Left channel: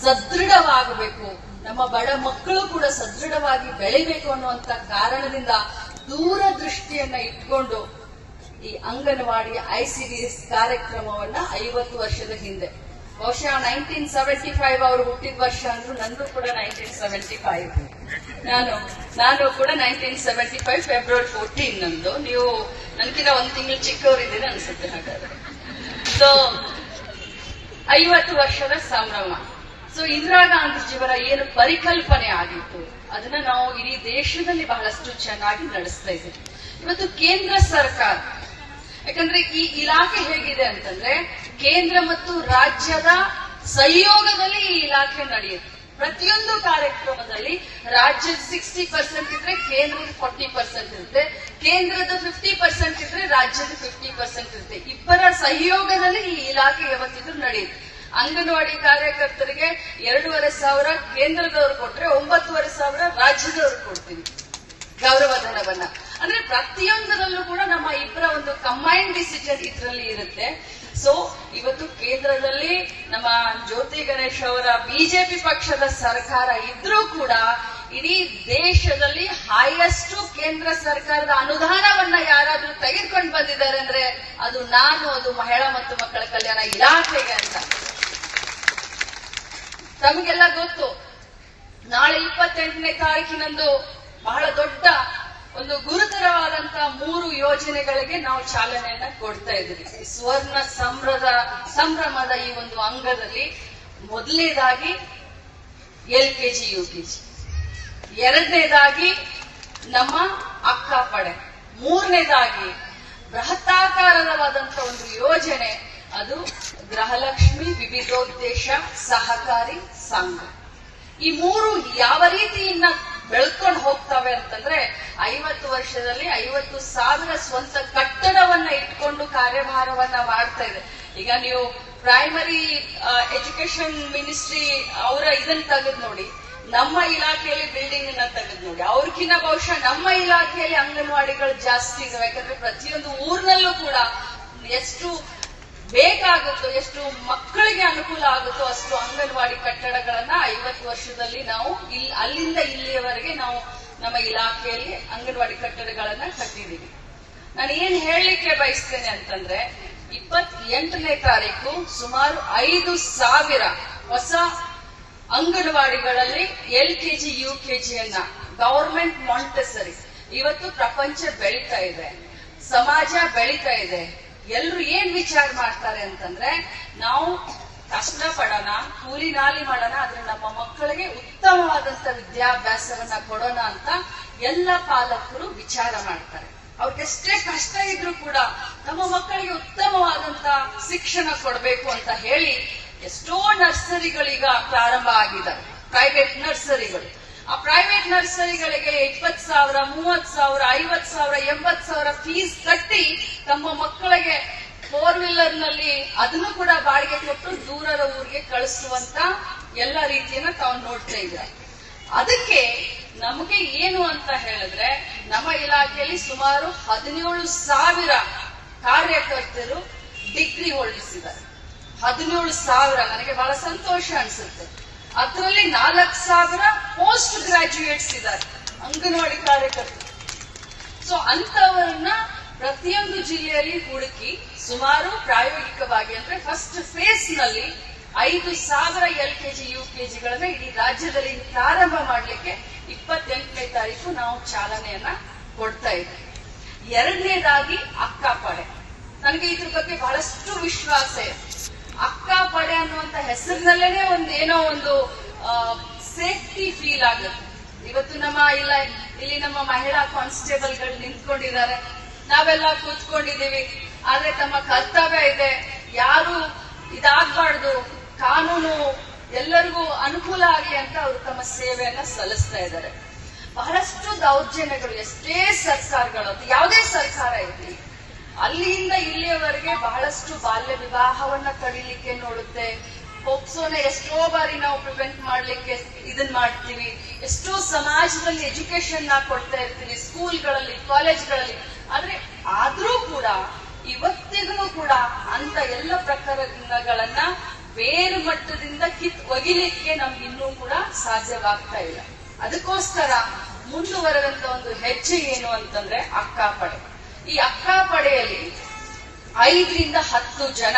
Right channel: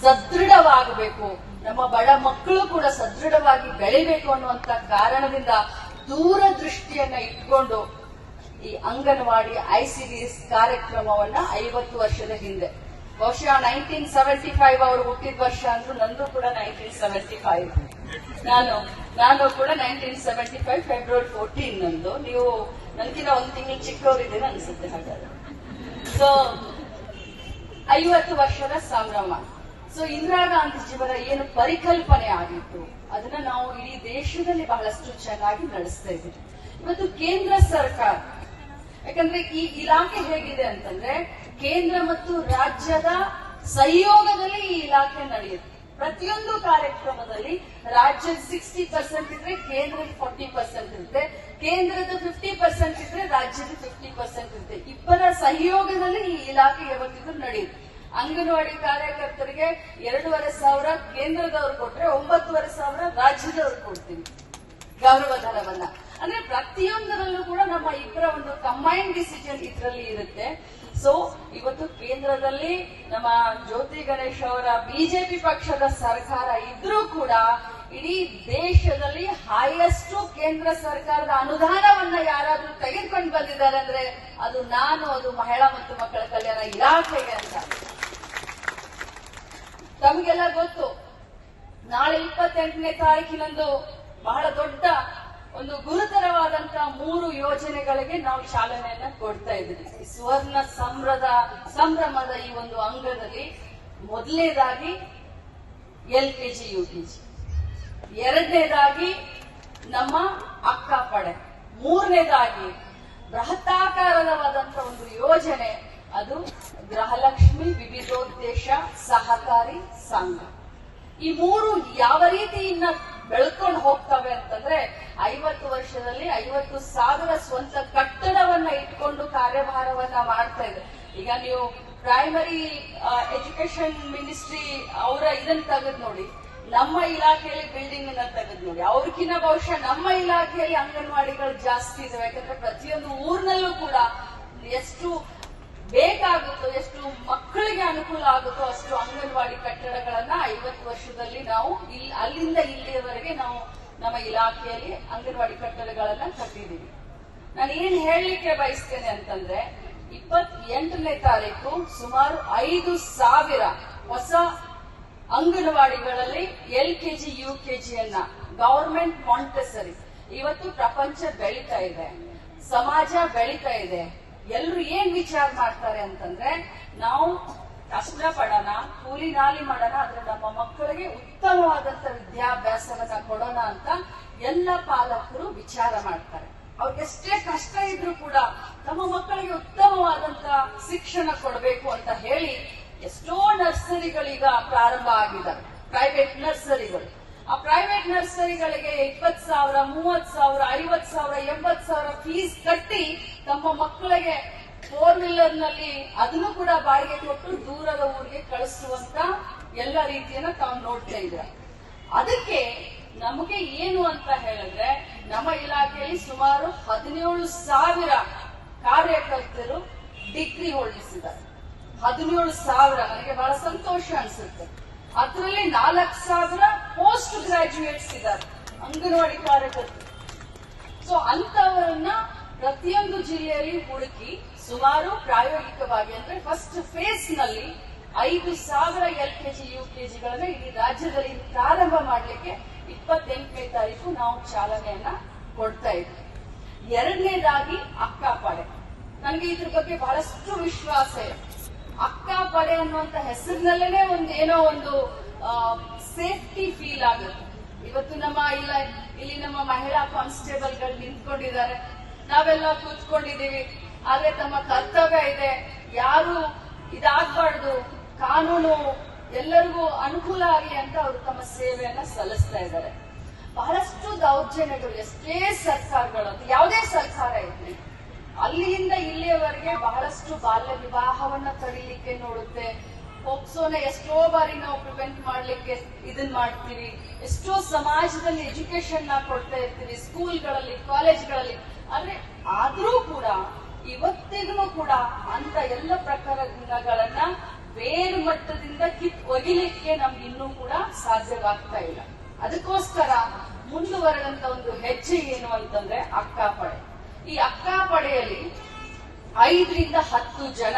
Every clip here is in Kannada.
ಸದೃಢವಾಗಬೇಕು ನಮ್ಮ ಬಡ ಮಕ್ಕಳು ಕೂಡ ಸದೃಢವಾಗಿ ಬೆಳಿಬೇಕು ಅನ್ನುವಂತ ಕಾರಣದಿಂದ ದೂರ ದೃಷ್ಟಿಯನ್ನ ಇಟ್ಕೊಂಡು ಈ ಅಂಗನವಾಡಿ ಐ ಎಸ್ ಕಾರ್ಯಕ್ರಮವನ್ನ ಐವತ್ತು ವರ್ಷದ ಹಿಂದೆ ಬಹುಶಃ ನೈನ್ಟೀನ್ ಸೆವೆಂಟಿ ಫೈವ್ ಅವರು ಹುಟ್ಟಿದ ವರ್ಷ ಅಂದ್ರೂ ನಂದು ಕೂಡ ನೈನ್ಟೀನ್ ಸೆವೆಂಟಿ ಫೈವ್ ನಾನು ನಾನು ಕೂಡ nineteen seventy five February fourteen ನಂದು ನೀವು ನನಗಿನ ಒಂದು ತಿಂಗಳು ಚಿಕ್ಕವರಿದ್ದೀರ ಅನ್ಸುತ್ತೆ ಹಾಗಾದ್ರೆ ಸೊ ಐವತ್ತು ವರ್ಷದ ಸಂಭ್ರಮ ಸೊ ಇಂದಿರಾ ಗಾಂಧೀಜಿಯವರ ಏನು ಪರಿಕಲ್ಪನೆ ಆಗಿತ್ತು ಅದನ್ನ ನಾವು ಇಡೀ ದೇಶದಲ್ಲಿ ಬಹಳಷ್ಟು ಚೆನ್ನಾಗಿ ನಡೆಸ್ತಾ ಇದ್ದೀವಿ ಇವತ್ತು ಕೇಂದ್ರ ಸರ್ಕಾರ ಯಾಕಂದ್ರೆ ಈ ಇಲಾಖೆ ಹೇಗಿದೆ ಅಂತಂದ್ರೆ ಕೇಂದ್ರ ಮತ್ತು ರಾಜ್ಯದ ಸಹಯೋಗದಲ್ಲಿ ಈ ಇಲಾಖೆ ನಡೆಯುತ್ತೆ ಪ್ರತಿಯೊಂದು ಕಾರ್ಯಕ್ರಮದಲ್ಲಿ ರಾಜ್ಯದ ಸಿಕ್ಸ್ಟಿ ಪರ್ಸೆಂಟ್ ಇದ್ರೆ ಕೇಂದ್ರದ ಫೋರ್ಟಿ ಪರ್ಸೆಂಟ್ ಇರುತ್ತೆ ಕೇಂದ್ರದ ಫಿಫ್ಟಿ ಪರ್ಸೆಂಟ್ ಇದ್ರೆ ರಾಜ್ಯದ ಫಿಫ್ಟಿ ಪರ್ಸೆಂಟ್ ಇರುತ್ತೆ ಇಬ್ಬರ ಸಹಯೋಗದಲ್ಲಿ ಈ ಇಲಾಖೆ ಯಾವತ್ತಿದ್ರು ನಡೆಯುತ್ತೆ ಅಂಗನವಾಡಿ ಕಾರ್ಯಕರ್ತರಿಗೆ ಎರಡೂವರೆ ಸಾವಿರ ಕೇಂದ್ರದವ್ರು ಕೊಟ್ರೆ ಒಂಬತ್ತುವರೆ ಸಾವಿರ ರಾಜ್ಯದವ್ರು ಕೊಡ್ತೀವಿ ಗೌರವಧನವನ್ನ ಅಂದ್ರೆ ಪ್ರತಿಯೊಂದರಲ್ಲೂ ಕೂಡ ನಮ್ಮ ಇಬ್ಬರ ಒಂದು ಕಂಬೈನ್ ಡಿಸಿಷನ್ ಇದರಲ್ಲಿ ಇರುತ್ತೆ ಸೊ ಇವತ್ತು ಕೇಂದ್ರದಲ್ಲಿ ನಮ್ಮ ಜ್ಯೋತಿ ಗಣೇಶ್ ಅವರ ಬಿಜೆಪಿ ಪಕ್ಷದ ಸರ್ಕಾರ ಇದ್ರೂ ಕೂಡ ಇಡೀ ದೇಶದಲ್ಲಿ ಹೈಯೆಸ್ಟ್ ಕೇಂದ್ರ ಸರ್ಕಾರದ ಅನುದಾನವನ್ನ ಯಾರಾದ್ರೂ ತೆಗೆದುಕೊಂಡು ಬಂದಿದ್ದಾರೆ ಅಂದ್ರೆ ಅದು ನಾನು ಅದು ಮಹಿಳಾ ಮತ್ತು ಮಕ್ಕಳ ಕಲ್ಯಾಣ ಇಲಾಖೆಗೆ ಅಂತ ತಮಗೆಲ್ಲ ಗೊತ್ತು ನಾಳೆ ಇಪ್ಪತ್ತೆಂಟನೇ ತಾರೀಕಿನಂದು ಬಹಳ ದೊಡ್ಡ ಒಂದು ಗುರುತರವಾದಂತ ಮೂರು ಯೋಜನೆಗಳಿಗೆ ನಾವು ಚಾಲನೆಯನ್ನ ಕೊಡ್ತಾ ಇದ್ದೀವಿ ಸುವರ್ಣ ಸಂಭ್ರದ ಸಂಭ್ರಮದ ಈ ಒಂದು ಅಂಗದಲ್ಲಿ ಮೊದಲನೇದಾಗಿ L K G U K G ಎರಡನೇದಾಗಿ ನಮ್ಮ ಅಕ್ಕ ಪಡೆ ಮೂರನೇದಾಗಿ ಬೃಹತ್ತಾಕಾರದವಾದಂತ ಒಂದು ಯೋಜನೆ ಅದು ಗೃಹಲಕ್ಷ್ಮಿ ವಿವಿಧೋದ್ದೇಶ ಸಹಕಾರಿ ಸಂಘ ಈ ಮೂರು ಯಾವ ರೀತಿಯಿಂದ ಬೆಳ್ಕೊಂಡು ಹೋಗ್ತವೆ ಅಂತಂದ್ರೆ ಐವತ್ತು ವರ್ಷದಲ್ಲಿ ಐವತ್ತು ಸಾವಿರ ಸ್ವಂತ ಕಟ್ಟಡವನ್ನ ಇಟ್ಕೊಂಡು ಕಾರ್ಯಭಾರವನ್ನ ಮಾಡ್ತಾ ಇದೆ ಈಗ ನೀವು ಪ್ರೈಮರಿ ಎಜುಕೇಶನ್ ಮಿನಿಸ್ಟ್ರಿ ಅವರ ಇದನ್ನ ತೆಗೆದ್ ನೋಡಿ ನಮ್ಮ ಇಲಾಖೆಯಲ್ಲಿ ಬಿಲ್ಡಿಂಗ್ ಅನ್ನ ತೆಗೆದ್ ನೋಡಿ ಅವ್ರಕಿನ್ನ ಬಹುಶಃ ನಮ್ಮ ಇಲಾಖೆಯಲ್ಲಿ ಅಂಗನವಾಡಿಗಳು ಜಾಸ್ತಿ ಇದಾವೆ ಯಾಕಂದ್ರೆ ಪ್ರತಿಯೊಂದು ಊರ್ನಲ್ಲೂ ಕೂಡ ಎಷ್ಟು ಬೇಕಾಗುತ್ತೋ ಎಷ್ಟು ಮಕ್ಕಳಿಗೆ ಅನುಕೂಲ ಆಗುತ್ತೋ ಅಷ್ಟು ಅಂಗನವಾಡಿ ಕಟ್ಟಡಗಳನ್ನ ಐವತ್ತು ವರ್ಷದಲ್ಲಿ ನಾವು ಇಲ್ಲಿ ಅಲ್ಲಿಂದ ಇಲ್ಲಿಯವರೆಗೆ ನಾವು ನಮ್ಮ ಇಲಾಖೆಯಲ್ಲಿ ಅಂಗನವಾಡಿ ಕಟ್ಟಡಗಳನ್ನ ಕಟ್ಟಿದ್ದೀವಿ ನಾನು ಏನ್ ಹೇಳಲಿಕ್ಕೆ ಬಯಸ್ತೇನೆ ಅಂತಂದ್ರೆ ಇಪ್ಪತ್ ಎಂಟನೇ ತಾರೀಕು ಸುಮಾರು ಐದು ಸಾವಿರ ಹೊಸ ಅಂಗನವಾಡಿಗಳಲ್ಲಿ L K G U K ಜಿಯನ್ನ government Montessori ಇವತ್ತು ಪ್ರಪಂಚ ಬೆಳೀತಾ ಇದೆ ಸಮಾಜ ಬೆಳೀತಾ ಇದೆ ಎಲ್ರು ಏನ್ ವಿಚಾರ ಮಾಡ್ತಾರೆ ಅಂತಂದ್ರೆ ನಾವು ಕಷ್ಟ ಪಡೋಣ ಕೂಲಿ ನಾಲಿ ಮಾಡೋಣ ಆದ್ರೆ ನಮ್ಮ ಮಕ್ಕಳಿಗೆ ಉತ್ತಮವಾದಂತ ವಿದ್ಯಾಭ್ಯಾಸವನ್ನ ಕೊಡೋಣ ಅಂತ ಎಲ್ಲ ಪಾಲಕರು ವಿಚಾರ ಮಾಡ್ತಾರೆ ಅವ್ರಿಗೆಷ್ಟೇ ಕಷ್ಟ ಇದ್ರೂ ಕೂಡ ನಮ್ಮ ಮಕ್ಕಳಿಗೆ ಉತ್ತಮವಾದಂತ ಶಿಕ್ಷಣ ಕೊಡಬೇಕು ಅಂತ ಹೇಳಿ ಎಷ್ಟೋ ನರ್ಸರಿಗಳೀಗ ಪ್ರಾರಂಭ ಆಗಿದ್ದಾರೆ ಪ್ರೈವೇಟ್ ನರ್ಸರಿಗಳು ಆ ಪ್ರೈವೇಟ್ ನರ್ಸರಿಗಳಿಗೆ ಇಪ್ಪತ್ತು ಸಾವಿರ ಮೂವತ್ ಸಾವಿರ ಐವತ್ ಸಾವಿರ ಎಂಬತ್ ಸಾವಿರ ಫೀಸ್ ಕಟ್ಟಿ ತಮ್ಮ ಮಕ್ಕಳಿಗೆ ಫೋರ್ ವೀಲರ್ ನಲ್ಲಿ ಅದನ್ನು ಕೂಡ ಬಾಡಿಗೆ ಕೊಟ್ಟು ದೂರದ ಊರಿಗೆ ಕಳಿಸುವಂತ ಎಲ್ಲ ರೀತಿಯನ್ನ ತಾವು ನೋಡ್ತಾ ಇದ್ದಾರೆ ಅದಕ್ಕೆ ನಮಗೆ ಏನು ಅಂತ ಹೇಳಿದ್ರೆ ನಮ್ಮ ಇಲಾಖೆಯಲ್ಲಿ ಸುಮಾರು ಹದಿನೇಳು ಸಾವಿರ ಕಾರ್ಯಕರ್ತರು ಡಿಗ್ರಿ ಹೊರಡಿಸಿದ್ದಾರೆ ಹದಿನೇಳು ಸಾವಿರ ನನಗೆ ಬಹಳ ಸಂತೋಷ ಅನಿಸುತ್ತೆ ಅದರಲ್ಲಿ ನಾಲ್ಕು ಸಾವಿರ ಪೋಸ್ಟ್ ಗ್ರಾಜ್ಯುಯೇಟ್ಸ್ ಇದ್ದಾರೆ ಅಂಗನವಾಡಿ ಕಾರ್ಯಕರ್ತರು ಸೊ ಅಂತವರನ್ನ ಪ್ರತಿಯೊಂದು ಜಿಲ್ಲೆಯಲ್ಲಿ ಹುಡುಕಿ ಸುಮಾರು ಪ್ರಾಯೋಗಿಕವಾಗಿ ಅಂದ್ರೆ ಫಸ್ಟ್ ಫೇಸ್ ನಲ್ಲಿ ಐದು ಸಾವಿರ ಎಲ್ ಕೆಜಿ ಯು ಕೆಜಿಗಳನ್ನ ಇಡೀ ರಾಜ್ಯದಲ್ಲಿ ಪ್ರಾರಂಭ ಮಾಡಲಿಕ್ಕೆ ಇಪ್ಪತ್ತೆಂಟನೇ ತಾರೀಕು ನಾವು ಚಾಲನೆಯನ್ನ ಕೊಡ್ತಾ ಇದ್ವಿ ಎರಡನೇದಾಗಿ ಅಕ್ಕ ಪಡೆ ನನಗೆ ಇದ್ರ ಬಗ್ಗೆ ಬಹಳಷ್ಟು ವಿಶ್ವಾಸ ಇದೆ ಅಕ್ಕ ಪಡೆ ಅನ್ನುವಂತ ಹೆಸರಿನಲ್ಲೇನೆ ಏನೋ ಒಂದು ಸೇಫ್ಟಿ ಫೀಲ್ ಆಗುತ್ತೆ ಇವತ್ತು ನಮ್ಮ ಇಲ್ಲ ಇಲ್ಲಿ ನಮ್ಮ ಮಹಿಳಾ ಕಾನ್ಸ್ಟೇಬಲ್ ಗಳು ನಿಂತ್ಕೊಂಡಿದ್ದಾರೆ ನಾವೆಲ್ಲ ಕೂತ್ಕೊಂಡಿದೀವಿ ಆದ್ರೆ ತಮ್ಮ ಕರ್ತವ್ಯ ಇದೆ ಯಾರು ಇದಾಗ್ಬಾರ್ದು ಕಾನೂನು ಎಲ್ಲರಿಗೂ ಅನುಕೂಲ ಆಗಿ ಅಂತ ಅವರು ತಮ್ಮ ಸೇವೆಯನ್ನ ಸಲ್ಲಿಸ್ತಾ ಇದ್ದಾರೆ ಬಹಳಷ್ಟು ದೌರ್ಜನ್ಯಗಳು ಎಷ್ಟೇ ಸರ್ಕಾರಗಳು ಯಾವುದೇ ಸರ್ಕಾರ ಇರಲಿ ಅಲ್ಲಿಯಿಂದ ಇಲ್ಲಿಯವರೆಗೆ ಬಹಳಷ್ಟು ಬಾಲ್ಯ ವಿವಾಹವನ್ನ ತಡಿಲಿಕ್ಕೆ ನೋಡುತ್ತೆ ಪೋಕ್ಸೋನ ಎಷ್ಟೋ ಬಾರಿ ನಾವು ಪ್ರಿವೆಂಟ್ ಮಾಡ್ಲಿಕ್ಕೆ ಇದನ್ ಮಾಡ್ತೀವಿ ಎಷ್ಟೋ ಸಮಾಜದಲ್ಲಿ ಎಜುಕೇಶನ್ ನ ಕೊಡ್ತಾ ಇರ್ತೀವಿ ಸ್ಕೂಲ್ಗಳಲ್ಲಿ ಕಾಲೇಜ್ಗಳಲ್ಲಿ ಆದ್ರೆ ಆದ್ರೂ ಕೂಡ ಇವತ್ತಿಗೂ ಕೂಡ ಅಂತ ಎಲ್ಲ ಪ್ರಕರಣಗಳನ್ನ ಬೇರೆ ಮಟ್ಟದಿಂದ ಕಿತ್ ಒಗಿಲಿಕ್ಕೆ ನಮ್ಗೆ ಇನ್ನೂ ಕೂಡ ಸಾಧ್ಯವಾಗ್ತಾ ಇಲ್ಲ ಅದಕ್ಕೋಸ್ಕರ ಮುಂದುವರೆದಂತ ಒಂದು ಹೆಜ್ಜೆ ಏನು ಅಂತಂದ್ರೆ ಅಕ್ಕ ಪಡೆ ಈ ಅಕ್ಕ ಪಡೆಯಲ್ಲಿ ಐದರಿಂದ ಹತ್ತು ಜನ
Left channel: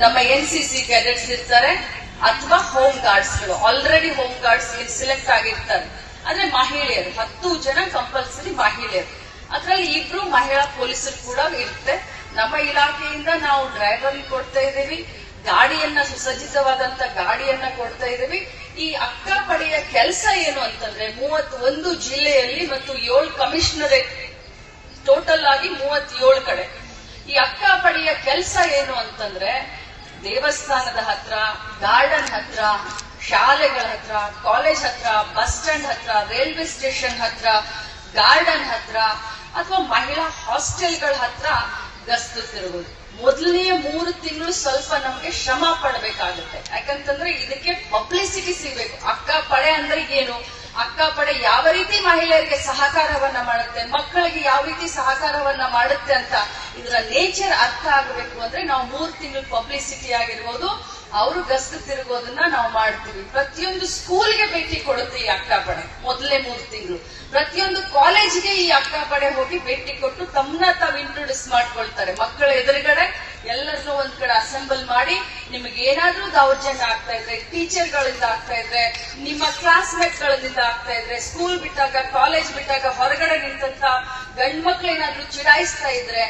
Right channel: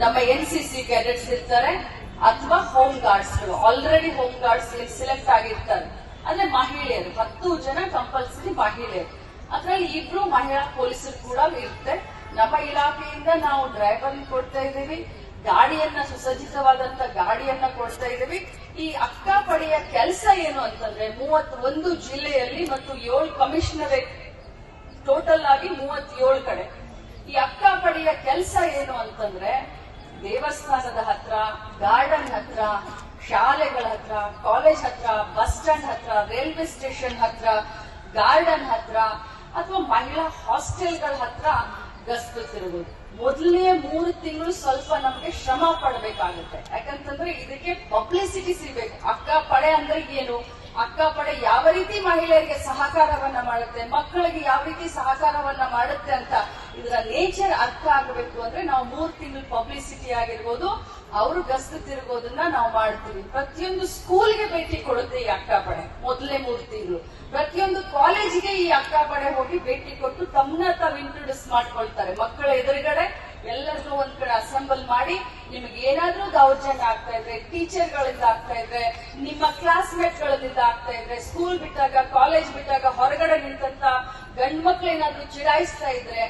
ನಮ್ಮ ಎನ್ ಸಿ ಸಿ ಕೆಡೆಟ್ಸ್ ಇರ್ತಾರೆ ಅಥವಾ ಹೋಮ್ ಗಾರ್ಡ್ಸ್ಗಳು ಆಲ್ರೆಡಿ ಹೋಮ್ ಗಾರ್ಡ್ಸ್ಗೆ ಸೆಲೆಕ್ಟ್ ಆಗಿರ್ತಾರೆ ಅಂದ್ರೆ ಮಹಿಳೆಯರು ಹತ್ತು ಜನ ಕಂಪಲ್ಸರಿ ಮಹಿಳೆಯರು ಅದರಲ್ಲಿ ಇಬ್ರು ಮಹಿಳಾ ಪೊಲೀಸರು ಕೂಡ ಇರುತ್ತೆ ನಮ್ಮ ಇಲಾಖೆಯಿಂದ ನಾವು ಡ್ರೈವರ್ ಕೊಡ್ತಾ ಇದ್ದೀವಿ ಗಾಡಿಯನ್ನ ಸುಸಜ್ಜಿತವಾದಂತ ಗಾಡಿಯನ್ನ ಕೊಡ್ತಾ ಇದ್ದೀವಿ ಈ ಅಕ್ಕ ಪಡೆಯ ಕೆಲಸ ಏನು ಅಂತಂದ್ರೆ ಮೂವತ್ತೊಂದು ಜಿಲ್ಲೆಯಲ್ಲಿ ಮತ್ತು ಏಳು ಕಮಿಷನರೇಟ್ ಟೋಟಲ್ ಆಗಿ ಮೂವತ್ತೇಳು ಕಡೆ ಈ ಅಕ್ಕ ಪಡೆಯ ಕೆಲಸ ಏನು ಅಂತಂದ್ರೆ ದೇವಸ್ಥಾನದ ಹತ್ರ ಗಾರ್ಡನ್ ಹತ್ರ ಶಾಲೆಗಳ ಹತ್ರ ಕಾಲೇಜ್ ಹತ್ರ ಬಸ್ ಸ್ಟ್ಯಾಂಡ್ ಹತ್ರ ರೈಲ್ವೆ ಸ್ಟೇಷನ್ ಹತ್ರ ಗಾರ್ಡನ್ ಹತ್ರ ಅಥವಾ ಮಹಿಳಾ ಹಾಸ್ಟೆಲ್ಗಳ ಹತ್ರ ಗಸ್ತು ಮೊದಲನೇ ಮೂರು ತಿಂಗಳು ಸ್ವಲ್ಪ ನಮಗೆ ಶ್ರಮ ಪಡಬೇಕಾಗುತ್ತೆ ಯಾಕಂತಂದ್ರೆ ಇದಕ್ಕೆ ಪಬ್ಲಿಸಿಟಿ ಸಿಗ್ಬೇಕು ಅಕ್ಕ ಪಡೆ ಅಂದ್ರೆ ಏನು ಅಕ್ಕಪಡೆ ಯಾವ ರೀತಿ ಮಹಿಳೆಯರಿಗೆ ಸಹಕಾರವನ್ನ ಮಾಡುತ್ತೆ ಮಕ್ಕಳಿಗೆ ಯಾವ ರೀತಿ ಸಹಕಾರವನ್ನ ಮಾಡುತ್ತೆ ಅಂತ ಇದರ ನೇಚರ್ ಅರ್ಥ ಆಗಬೇಕು ಅಂದ್ರೆ ನಾವು ಮೂರ್ ತಿಂಗಳು ಪಬ್ಲಿಸಿಟಿ ಆಗಿರ್ಬೋದು ಅವರು ಗಸ್ತು ತಿರುಗೋದನ್ನ ನಾವು ಮಾಡ್ತೀವಿ ಪ್ರತಿಯೊಂದು ಸ್ಕೂಲ್ಗೆ ಭೇಟಿ ಕೊಡುತ್ತೆ ಈ ಅಕ್ಕ ಪಡೆ ಮೊದಲೇ ಮೂರು ತಿಂಗಳು ಪ್ರತಿಯೊಂದು ಕಾಲೇಜ್ಗೆ ಈ ಅಕ್ಕಪಡೆ ಹೋಗಿ ಭೇಟಿ ಕೊಟ್ಟು ತಮ್ಮನ್ನ ತಾವು ಇಂಟ್ರೊಡ್ಯೂಸ್ ಮಾಡ್ಕೊಳ್ತಾರೆ ಮಕ್ಕಳ ಎದುರುಗಡೆ ಎಲ್ಲರನ್ನೂ ಒಂದ್ ಕಡೆ ಅಸೆಂಬಲ್ ಮಾಡಿ ನಿಮ್ಗೆ ಏನಾದ್ರೂ ದೌರ್ಜನ್ಯ ಆಗ್ತಾ ಇದ್ರೆ ಟೀಚರ್ ಗಳಿಂದ ಆಗ್ತಾ ಇದ್ರೆ ನಿಮ್ಮ ಕ್ಲಾಸ್ ಮೇಟ್ ಗಳಿಂದ ಆಗ್ತಾ ಇದ್ರೆ ಸ್ಕೂಲ್ ಬಿಟ್ಟಾಗ ಕಾಲೇಜ್ ಬಿಟ್ಟಾಗ ಹೊರಗಡೆ ನಿಂತಂತ ಗಂಡ್ ಮಕ್ಳು ಚಿರಾಯಿಸ್ತಾ ಚಿಡಾಯಿಸ್ತಾ ಇದ್ರೆ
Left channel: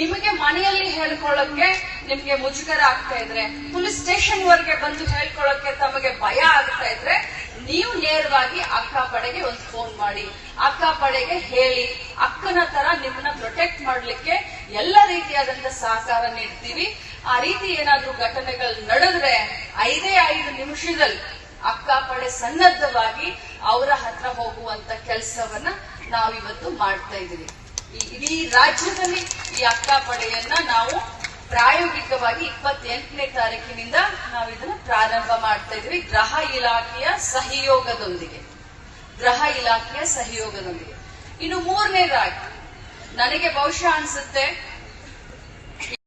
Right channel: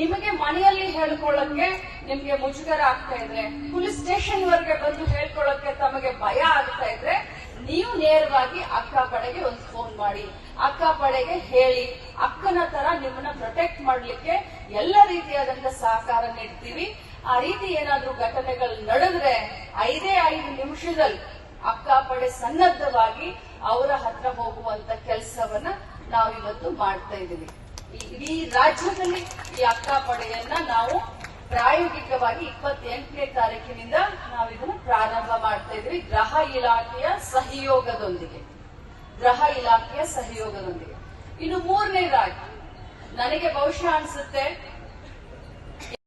ನಿಮಗೆ ಮನೆಯಲ್ಲಿ ಹೇಳ್ಕೊಳ್ಳಕ್ಕೆ ನಿಮ್ಗೆ ಮುಜುಗರ ಆಗ್ತಾ ಇದ್ರೆ ಪೊಲೀಸ್ ಸ್ಟೇಷನ್ ವರೆಗೆ ಬಂದು ಹೇಳ್ಕೊಳ್ಳಕ್ಕೆ ತಮಗೆ ಭಯ ಆಗ್ತಾ ಇದ್ರೆ ನೀವು ನೇರವಾಗಿ ಅಕ್ಕ ಪಡೆಗೆ ಒಂದು ಫೋನ್ ಮಾಡಿ ಅಕ್ಕ ಪಡೆಗೆ ಹೇಳಿ ಅಕ್ಕನ ತರ ನಿಮ್ಮನ್ನ ಪ್ರೊಟೆಕ್ಟ್ ಮಾಡ್ಲಿಕ್ಕೆ ಎಲ್ಲ ರೀತಿಯಾದಂತ ಸಹಕಾರ ನೀಡ್ತೀವಿ ಆ ರೀತಿ ಏನಾದ್ರೂ ಘಟನೆಗಳು ನಡೆದ್ರೆ ಐದೇ ಐದು ನಿಮಿಷದಲ್ಲಿ ಅಕ್ಕ ಪಡೆ ಸನ್ನದ್ಧವಾಗಿ ಅವರ ಹತ್ರ ಹೋಗುವಂತ ಕೆಲಸವನ್ನ ನಾವಿವತ್ತು ಮಾಡ್ತಾ ಇದ್ದೀವಿ ಇಡೀ ರಾಜ್ಯದಲ್ಲಿ ಈ ಅಕ್ಕ ಪಡೆಯನ್ನ ನಾವು ಪ್ರಾಯೋಗಿಕವಾಗಿ ಇಪ್ಪತ್ತೆಂಟನೇ ತಾರೀಕಿನಿಂದ ನಾವು ಇದನ್ನ ಪ್ರಾರಂಭ ಮಾಡ್ತಾ ಇದ್ವಿ ಗ್ರಹ ಇಲಾಖೆಯ ಸಹಯೋಗದೊಂದಿಗೆ ಗ್ರಹ ಇಲಾಖೆಯ ಸಹಯೋಗದೊಂದಿಗೆ ಇನ್ನು ಮೂರನೇದಾಗಿ ನನಗೆ ಬಹುಶಃ ಅನ್ಸುತ್ತೆ